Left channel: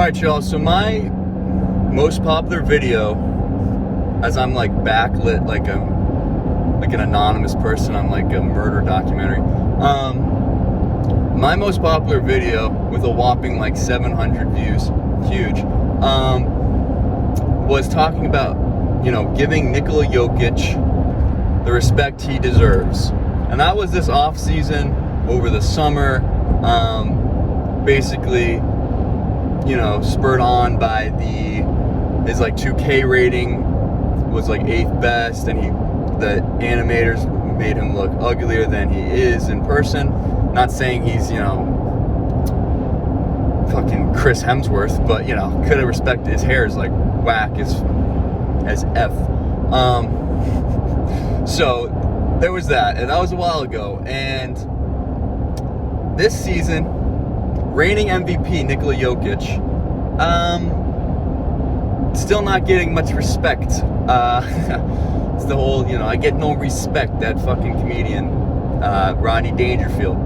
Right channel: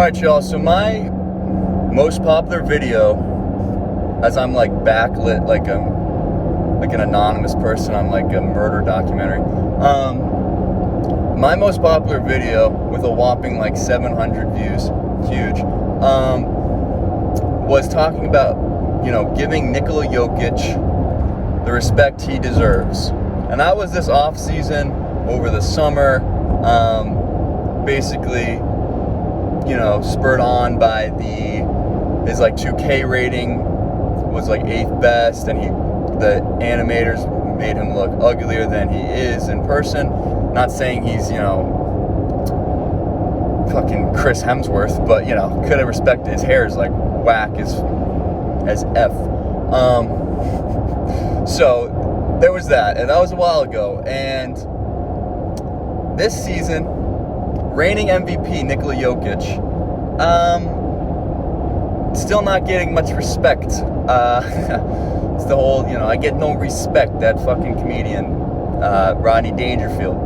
Alright, y'all, so my most popular video, as I'm like backlit like an anonymous person on like a murder documentary, my most popular video with a whopping like 700 views, huge, was talking about, giving Nikola Jokic the respect he deserves. And that was this off season, over the summer, basically, spurred on by his like 2K rating was like 8th best, and the animators made him look uglier than he is in person. Not saying he's, fucking Chris Hemsworth, but, could have respected his hair is like whack as F. So there was that, and that was a while ago. And this season, reigning MVP Nikola Jokic, still not getting much respect. It's the whole, I get no respect, that fucking comedian, Rodney Dangerfield.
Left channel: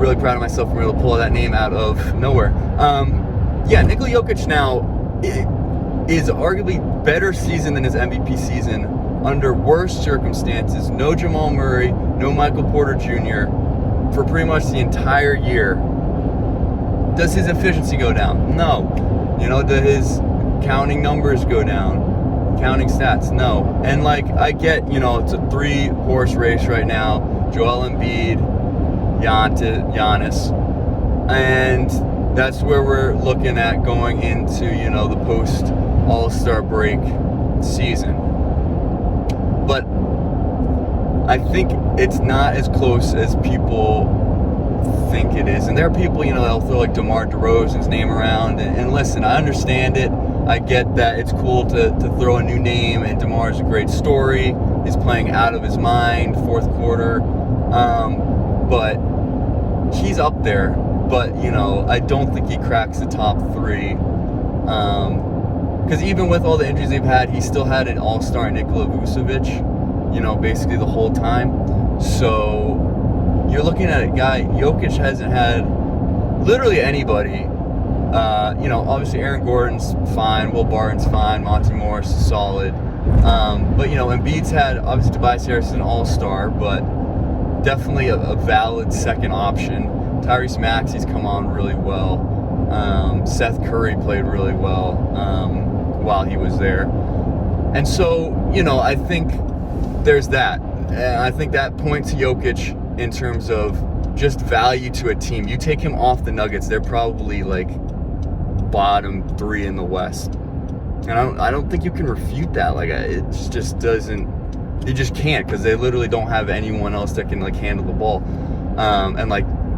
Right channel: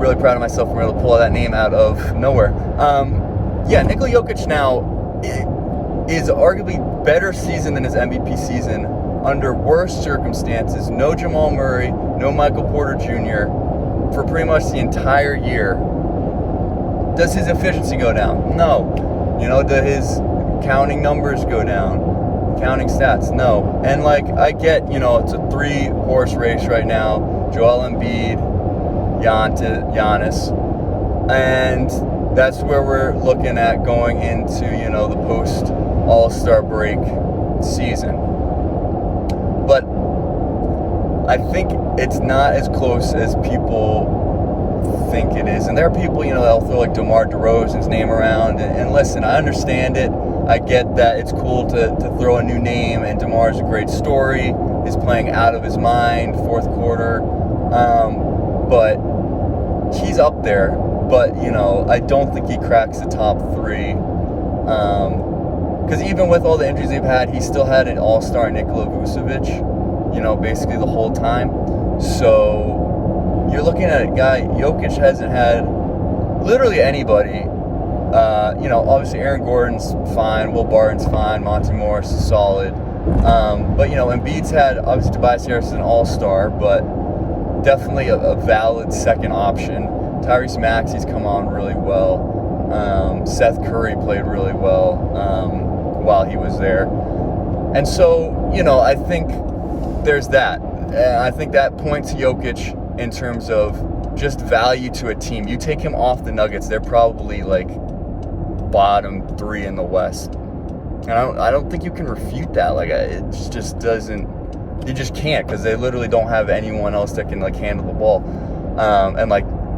Really proud of myself for being able to pull that name out of nowhere. Nikola Jokic now is arguably better season than his MVP season under worse circumstances. No Jamal Murray, no Michael Porter Jr. for pretty much the entire year. Does his efficiency go down? No. Do his counting numbers go down? Counting stats? No. And I get, it's a 3-horse race right now. Joel Embiid, Giannis. And that's where we're looking at going into, the post All-Star break season. But I think it's not as close as people think it is. And there are people, that'll throw like DeMar DeRozan's name around. And listen, I understand it. I get that it's cool to throw a new name, and DeMar's a great story. He's playing out of his mind, fourth quarter. But he's up there. But, I don't think he cracks the top 3. Because even with all the injuries they've had, he still had an all-star Nikola Vucevic, basically the whole time. So you're looking at a guy, Jokic hasn't had literally anybody. Obviously Aaron Gordon's fine, Will Barton's fine, Monty Morris is solid. But, Embiid's had, obviously Tobias Harris is an all-star, but definitely a valid second option. Tyrese Maxey's come on really well. Seth Curry played really well while he was there. And so, I think there's that. And I think that points to Jokic in terms of just value to a team. You take him off the Nuggets, they're probably like bottom 3 in the West. And I don't think you can refute that. It just doesn't, you just can't, because they literally don't have anyone else that can handle the ball. And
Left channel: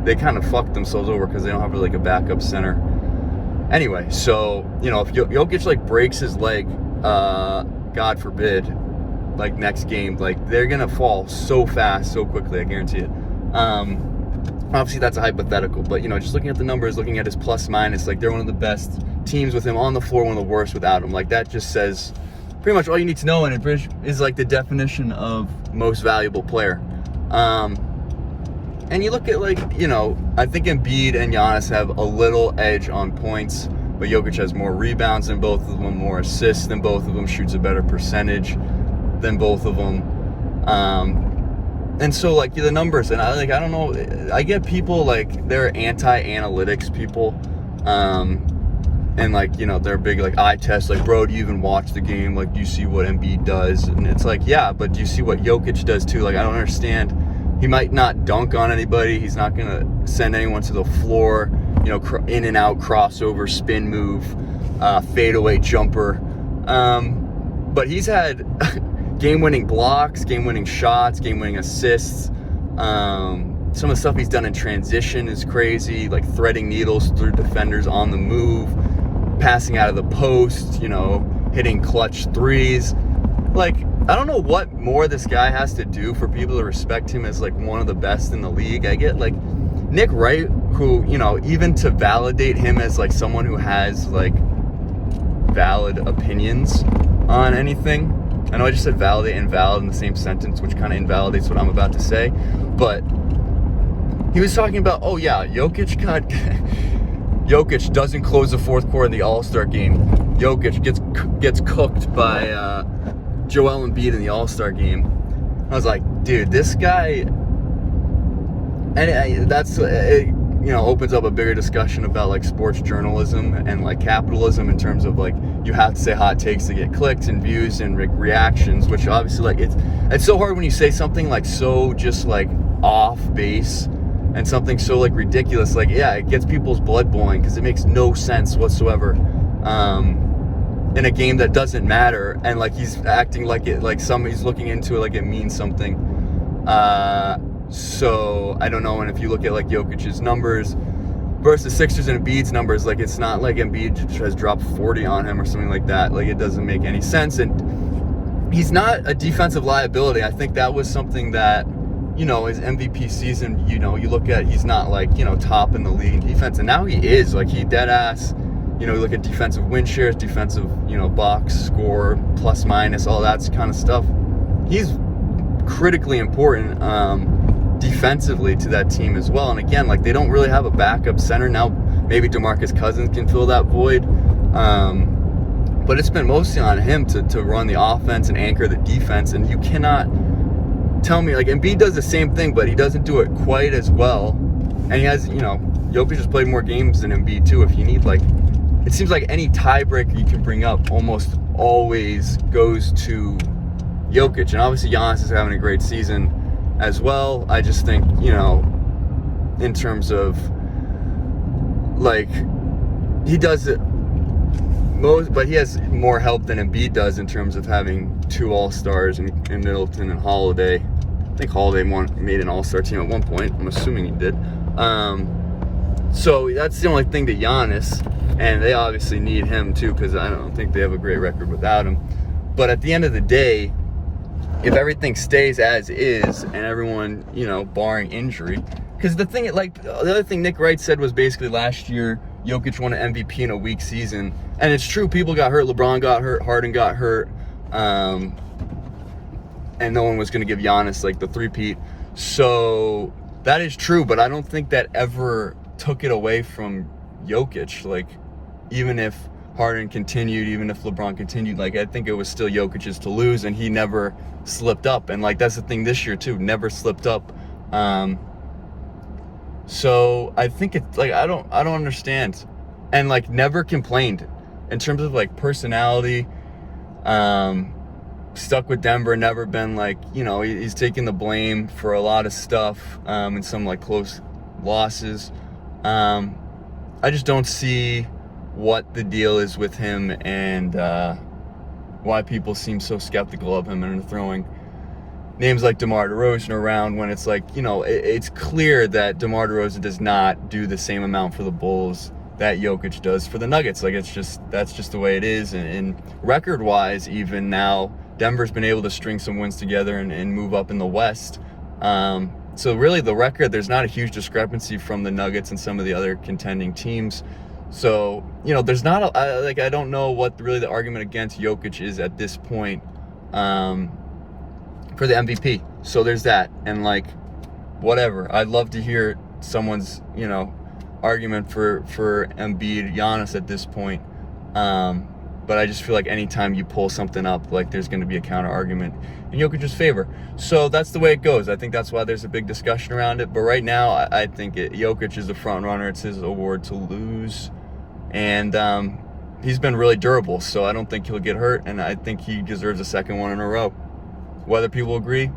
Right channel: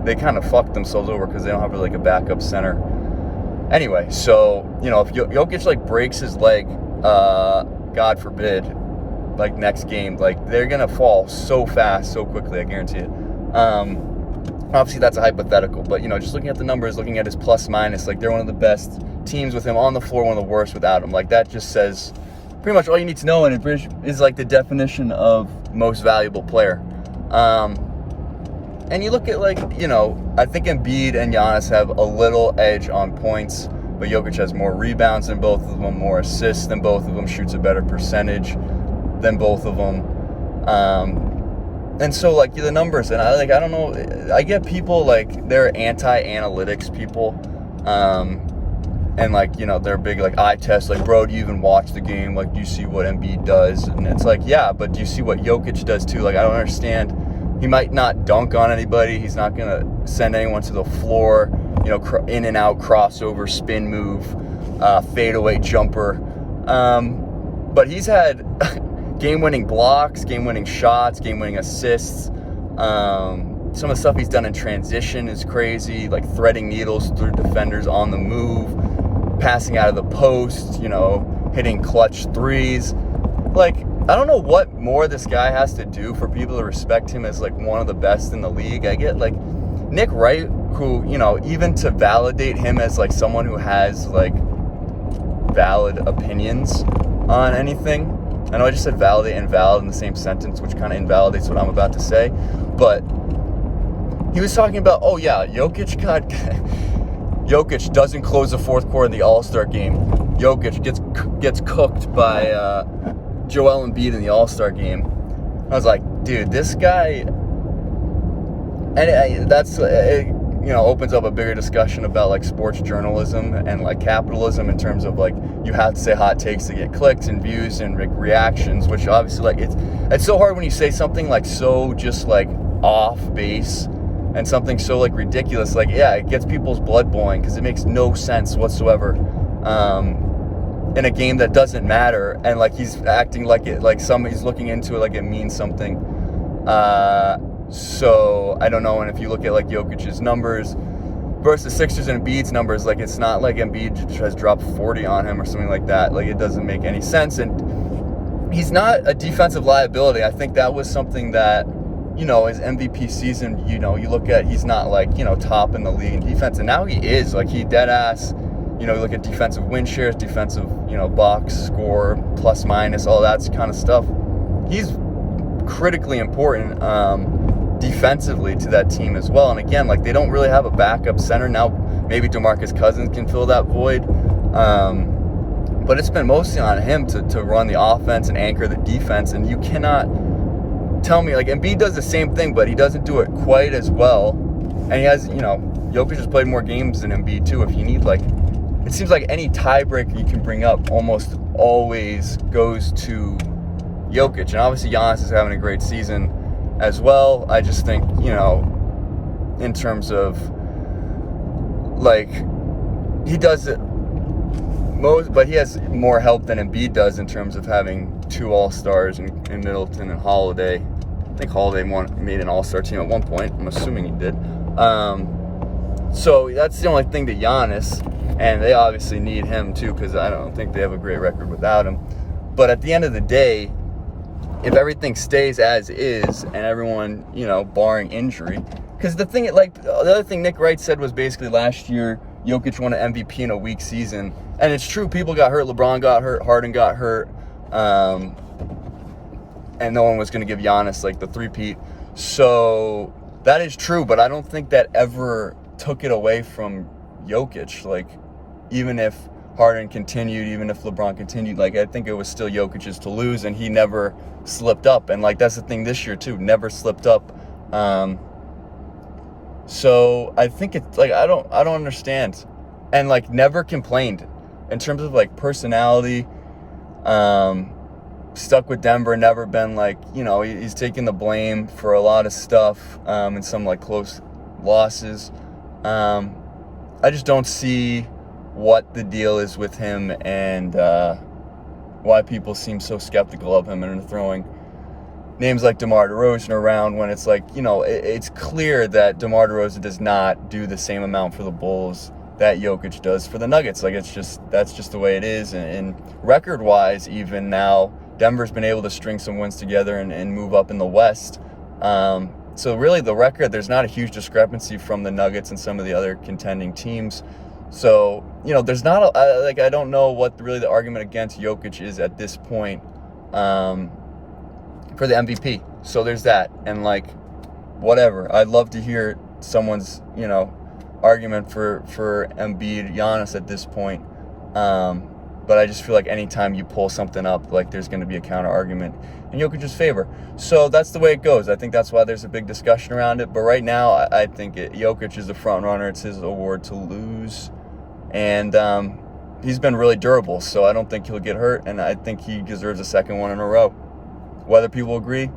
they kind of fucked themselves over because they don't have a backup center. Anyway, so, if Jokic breaks his leg, God forbid, next game, they're gonna fall so fast, so quickly, I guarantee it. Obviously that's a hypothetical, but just looking at the numbers, looking at his plus minus, they're one of the best teams with him on the floor, one of the worst without him. that just says pretty much all you need to know, and it is the definition of most valuable player. And you look at I think Embiid and Giannis have a little edge on points, but Jokic has more rebounds than both of them, more assists than both of them, shoots a better percentage than both of them. And so the numbers, and I don't know, I get people they're anti-analytics people, and they're big eye test, bro, do you even watch the game? Do you see what Embiid does? And it's yeah, but do you see what Jokic does too? I don't understand. He might not dunk on anybody. He's not going to send anyone to the floor, in and out, crossover, spin move, fadeaway jumper. But he's had game-winning blocks, game-winning shots, game-winning assists. Some of the stuff he's done in transition is crazy, threading needles through defenders on the move, passing out of the post, hitting clutch threes. I don't know what more this guy has to do for people to respect him as one of the best in the league. I get Nick Wright, who, even to validate him as someone who has valid opinions on anything. I know I just said validate and valid in the same sentence, which kind of invalidates what I'm about to say. But he was talking about, oh yeah, Jokic got Jokic doesn't close the fourth quarter of the All-Star game. Jokic gets cooked by Joel Embiid in the All-Star game. I was like, dude, this guy, and that's opens up a bigger discussion about like sports journalism and like capitalism in terms of like you have to say hot takes to get clicks and views and reactions, which obviously like it's so hard when you say something like so just like off base and something so like ridiculous. Like, yeah, it gets people's blood boiling because it makes no sense whatsoever in a game that doesn't matter, and like he's acting like it, like he's looking into it like it means something. So I don't know. And if you look at like Jokic's numbers versus Sixers and Embiid's numbers, like it's not like Embiid has dropped 40 on him or something like that. Like it doesn't make any sense. And he's not a defensive liability. I think that was something that, his MVP season, you look at, he's not like, top in the league in defense. And now he is, like, he dead ass, you look at defensive win shares, defensive, box score, plus minus, all that kind of stuff. He's critically important defensively to that team as well. And again, like, they don't really have a backup center. Now, maybe DeMarcus Cousins can fill that void. But it's been mostly on him to run the offense and anchor the defense. And you cannot tell me, like, Embiid does the same thing, but he doesn't do it quite as well. And he has, Jokic has played more games than Embiid too. If you need, like, it seems like any tiebreaker you can bring up almost always goes to Jokic. And obviously Giannis is having a great season as well. I just think, in terms of, like, he does it most, but he has more help than Embiid does in terms of having two All-Stars in Middleton and Holiday. I think Holiday made an All-Star team at one point. I'm assuming he did. So that's the only thing to Giannis, and they obviously need him too because I don't think they have a great record without him. But at the end of the day, if everything stays as is and everyone, barring injury, because the other thing Nick Wright said was basically last year Jokic won an MVP in a weak season, and it's true. People got hurt. LeBron got hurt. Harden got hurt. And no one was going to give Giannis like the three-peat. So that is true, but I don't think that ever took it away from Jokic. Like, even if Harden continued, even if LeBron continued, like, I think it was still Jokic's to lose, and he never slipped up. And like, that's the thing this year too, never slipped up. So I think it's like, I don't understand, and like never complained in terms of like personality. Stuck with Denver, never been like, he's taking the blame for a lot of stuff, and some like close losses. I just don't see what the deal is with him, and why people seem so skeptical of him and are throwing names like DeMar DeRozan around when it's like, it's clear that DeMar DeRozan does not do the same amount for the Bulls that Jokic does for the Nuggets. Like, that's just the way it is. And record-wise, even now, Denver's been able to string some wins together and move up in the West. So really the record, there's not a huge discrepancy from the Nuggets and some of the other contending teams. So, there's not I don't know what really the argument against Jokic is at this point for the MVP. So there's that. And like, whatever. I'd love to hear someone's, argument for Embiid, Giannis at this point. But I just feel like anytime you pull something up, like there's going to be a counter argument in Jokic's favor. So that's the way it goes. I think that's why there's a big discussion around it. But right now, I think Jokic is the front runner. It's his award to lose. And he's been really durable, so I don't think he'll get hurt. And I think he deserves a second one in a row. Whether people agree,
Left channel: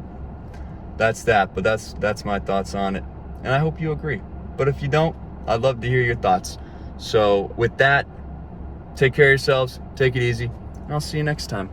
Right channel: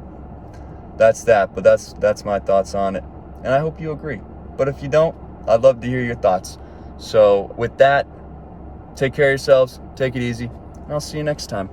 that's that. But that's my thoughts on it. And I hope you agree. But if you don't, I'd love to hear your thoughts. So with that, take care of yourselves, take it easy, and I'll see you next time.